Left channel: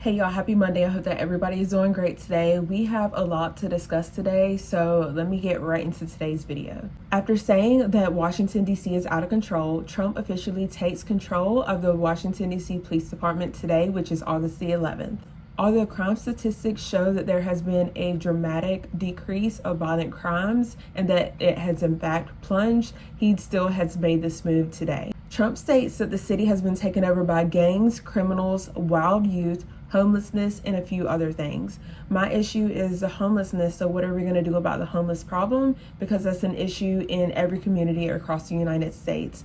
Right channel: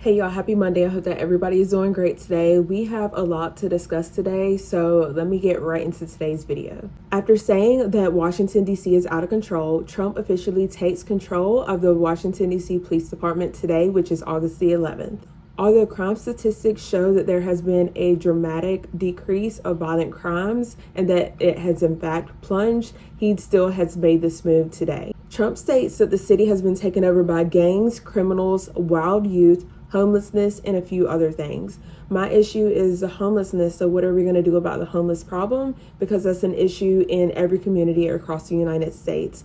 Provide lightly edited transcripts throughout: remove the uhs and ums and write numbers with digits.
Hey y'all, happy Monday. I hope that everybody is doing great today. We have a lot to discuss today, so let me get right into today's video. After saying that Washington, D.C. is out of control, Trump officially takes control of the Washington, D.C. Police Department today, which is August the 11th. Although crime statistics show that there has been a dramatic decrease of violent crimes and that it has in fact plunged, he still has made this move today. Trump states that the city has been taken over by gangs, criminals, wild youth, homelessness, and a few other things. My issue is the homelessness, so what are we going to do about the homeless problem? Because that's an issue in every community across the United States.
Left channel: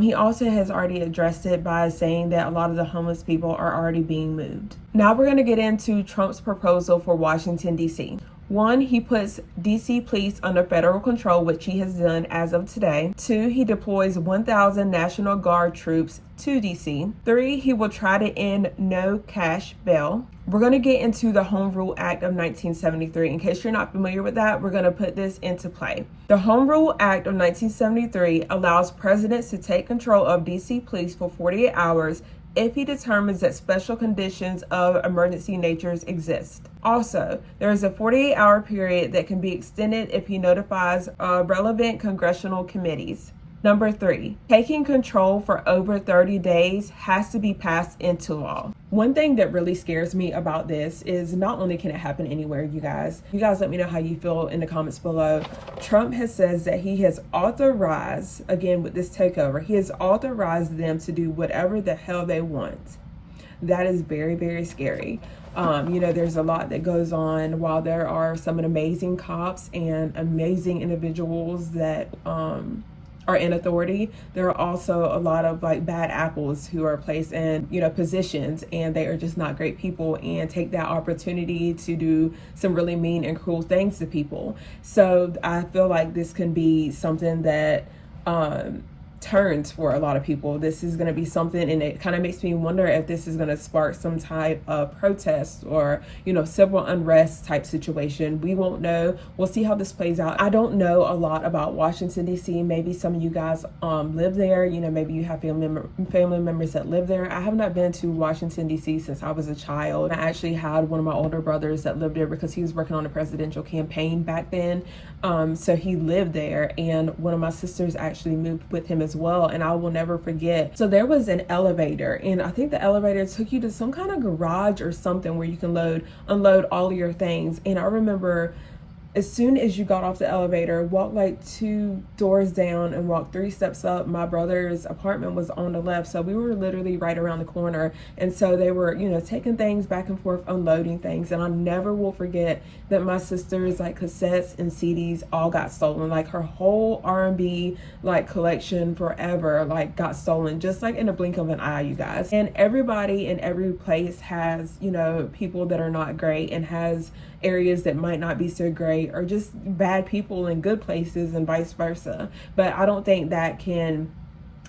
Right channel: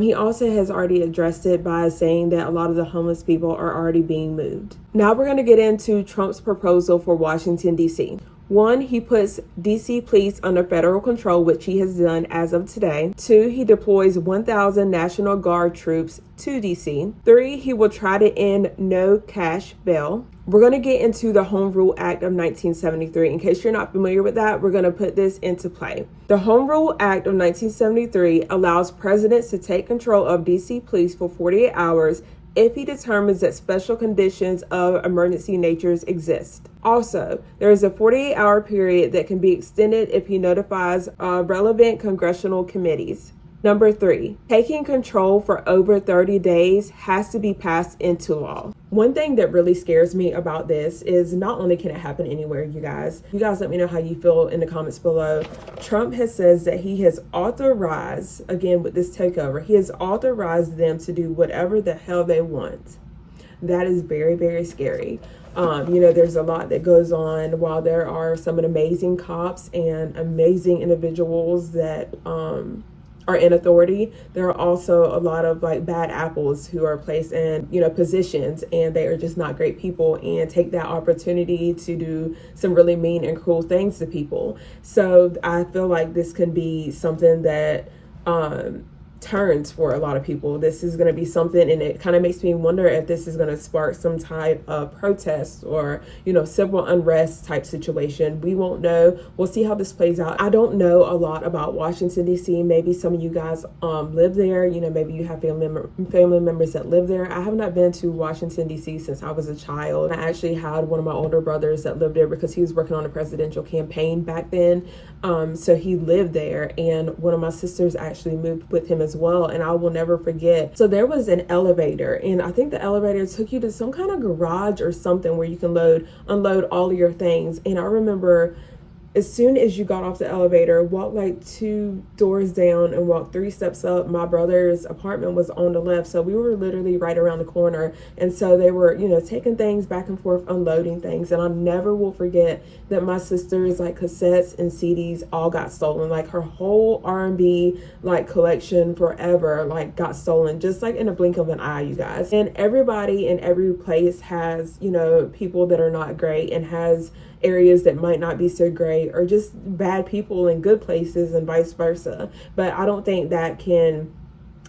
He also has already addressed it by saying that a lot of the homeless people are already being moved. Now we're going to get into Trump's proposal for Washington, D.C. 1, he puts DC police under federal control, which he has done as of today. 2, he deploys 1,000 National Guard troops to DC. 3, he will try to end no cash bail. We're going to get into the Home Rule Act of 1973. In case you're not familiar with that, we're going to put this into play. The Home Rule Act of 1973 allows presidents to take control of DC police for 48 hours if he determines that special conditions of emergency natures exist. Also, there is a 48-hour period that can be extended if he notifies relevant congressional committees. Number 3, taking control for over 30 days has to be passed into law. One thing that really scares me about this is not only can it happen anywhere, you guys let me know how you feel in the comments below. Trump has says that he has authorized, again with this takeover, he has authorized them to do whatever the hell they want. That is very, very scary. There's a lot that goes on. While there are some amazing cops and amazing individuals that are in authority, there are also a lot of bad apples who are placed in positions, and they are just not great people and take that opportunity to do some really mean and cruel things to people. So I feel like this can be something that turns for a lot of people. This is going to be something, and it kind of makes me wonder if this is going to spark some type of protest or civil unrest type situation. We won't know. We'll see how this plays out. I don't know a lot about Washington, D.C. Maybe some of you guys live there. Maybe you have family members that live there. I have not been to Washington, D.C. since I was a child. I actually had one of my older brothers that lived there because he was working on a presidential campaign back then. So he lived there, and one of my sisters actually moved with him as well, and I will never forget. So there was an elevator, and I think the elevator took you to some kind of garage or something where you can unload all of your things. And I remember as soon as you got off the elevator, walked 2 doors down and walked 3 steps up, my brother's apartment was on the left. So we were literally right around the corner. And so they were, taking things back and forth, unloading things. And I never will forget that my sister's cassettes and CDs all got stolen. Her whole R&B collection forever got stolen, just in a blink of an eye, you guys. And everybody in every place has, people that are not great, and has areas that might not be so great, or just bad people in good places, and vice versa. But I don't think that can,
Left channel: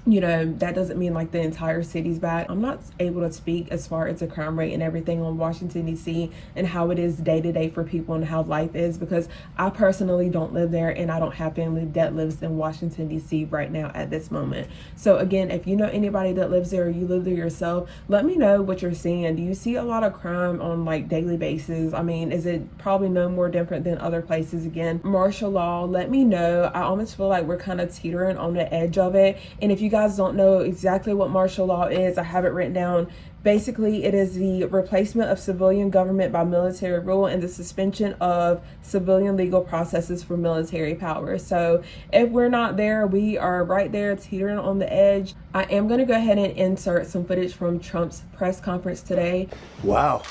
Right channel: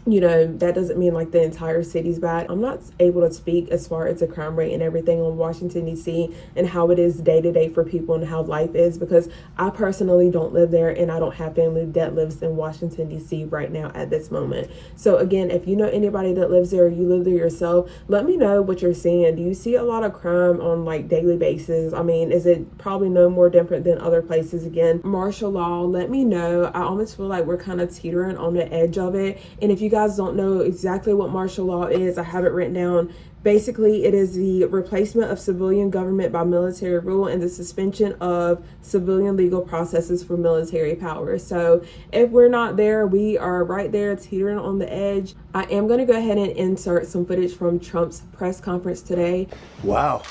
that doesn't mean the entire city's bad. I'm not able to speak as far as the crime rate and everything on Washington, D.C. and how it is day to day for people and how life is, because I personally don't live there, and I don't have family that lives in Washington, D.C. right now at this moment. So again, if you know anybody that lives there, or you live there yourself, let me know what you're seeing. Do you see a lot of crime on daily basis? I mean, is it probably no more different than other places? Again, martial law, let me know. I almost feel like we're kind of teetering on the edge of it. And if you guys don't know exactly what martial law is, I have it written down. Basically, it is the replacement of civilian government by military rule and the suspension of civilian legal processes for military power. So if we're not there, we are right there teetering on the edge. I am going to go ahead and insert some footage from Trump's press conference today. Wow.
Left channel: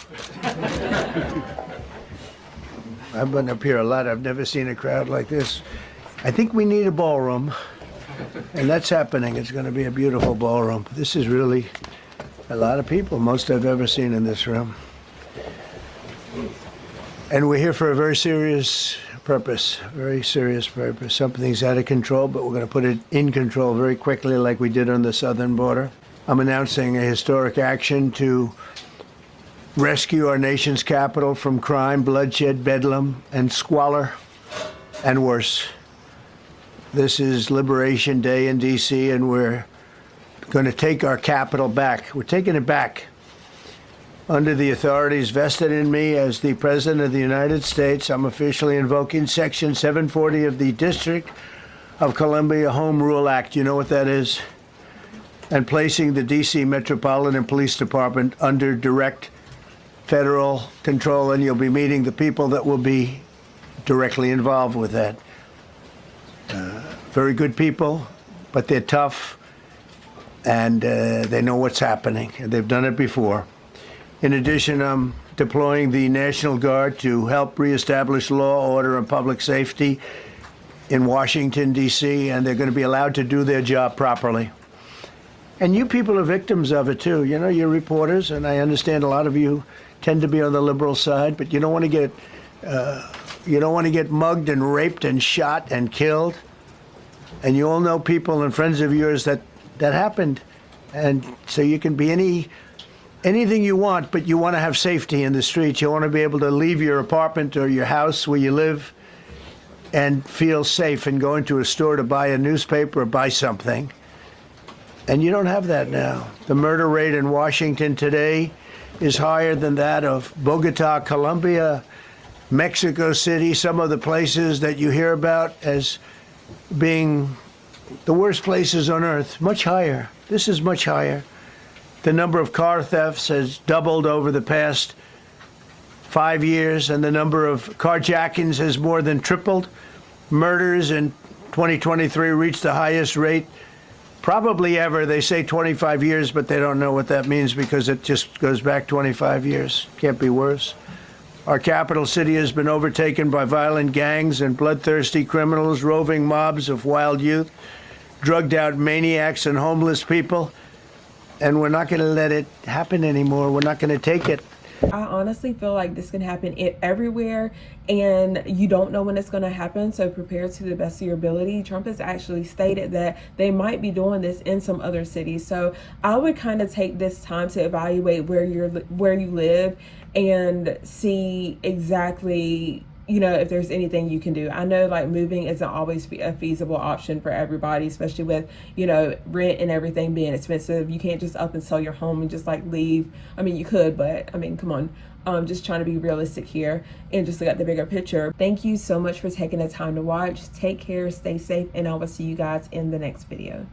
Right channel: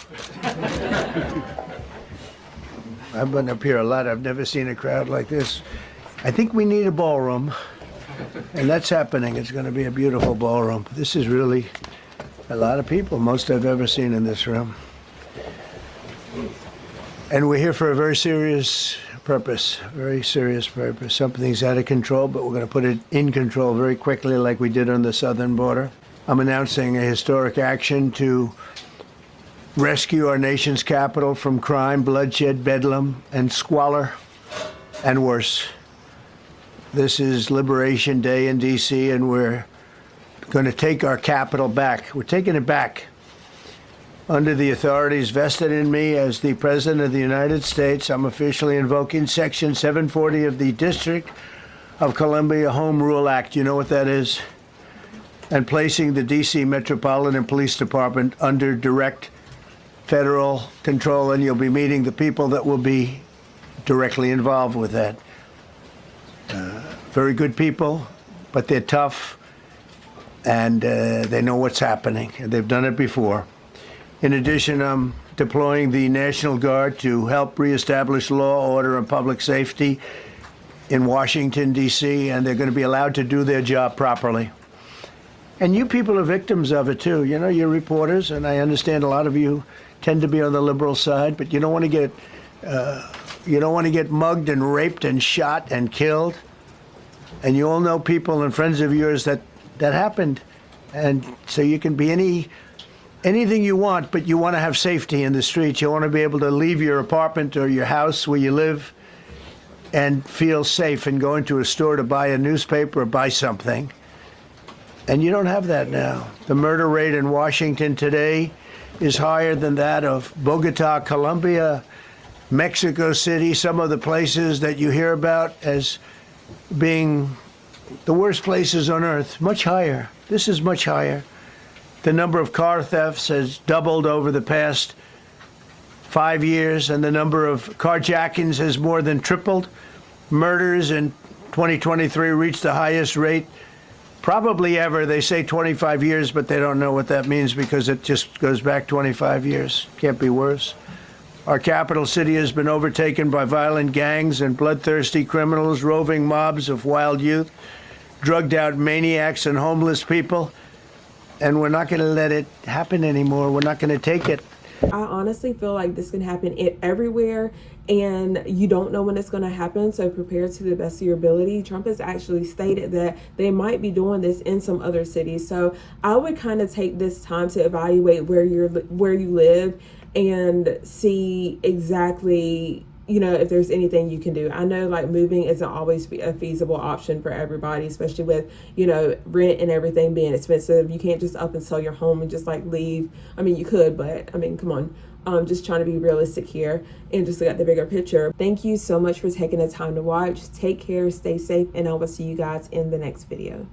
I've been up here a lot. I've never seen a crowd like this. I think we need a ballroom. And that's happening. It's going to be a beautiful ballroom. This is really a lot of people, most I've ever seen in this room. And we're here for a very serious purpose, Something's out of control, but we're going to put it in control very quickly, like we did on the southern border. I'm announcing a historic action to rescue our nation's capital from crime, bloodshed, bedlam, and squalor, and worse. This is Liberation Day in D.C., and we're going to take our capital back. We're taking it back. Under the authorities vested in me as the President of the United States, I'm officially invoking Section 740 of the District of Columbia Home Rule Act. You know what that is? And placing the D.C. Metropolitan Police Department under direct federal control, and you'll be meeting the people that will be directly involved with that. Very good people, but they're tough, and they know what's happening. They've done it before. In addition, I'm deploying the National Guard to help reestablish law, order, and public safety in Washington, D.C., and they're going to be allowed to do their job properly. And you people are victims of it, too. You know, you're reporters, and I understand a lot of you tend to be on the liberal side, but you don't want to get mugged and raped and shot and killed. And you all know people and friends of yours that happened. And so you can be anything you want, but you want to have safety in the streets. You want to be able to leave your apartment or your house where you live and feel safe and go into a store to buy a newspaper or buy something. And you don't have that now. The murder rate in Washington today is higher than that of Bogota, Colombia, Mexico City, some of the places that you hear about as being the worst places on earth. Much higher. This is much higher. The number of car thefts has doubled over the past 5 years, and the number of carjackings has more than tripled. Murders in 2023 reached the highest rate probably ever. They say 25 years, but they don't know what that means because it just goes back 25 years. Can't be worse. Our capital city has been overtaken by violent gangs and bloodthirsty criminals, roving mobs of wild youth, drugged out maniacs and homeless people. And we're not going to let it happen anymore. We're not going to take it. I honestly feel like this can happen everywhere, and you don't know when it's going to happen, so prepare to the best of your ability. Trump has actually stated that they might be doing this in some other cities, so I would kind of take this time to evaluate where you live and see exactly, you know, if there's anything you can do. I know like moving isn't always a feasible option for everybody, especially with, you know, rent and everything being expensive. You can't just up and sell your home and just like leave. I mean, you could, but I mean, come on. Just trying to be realistic here and just look at the bigger picture. Thank you so much for taking the time to watch. Take care, stay safe, and I will see you guys in the next video.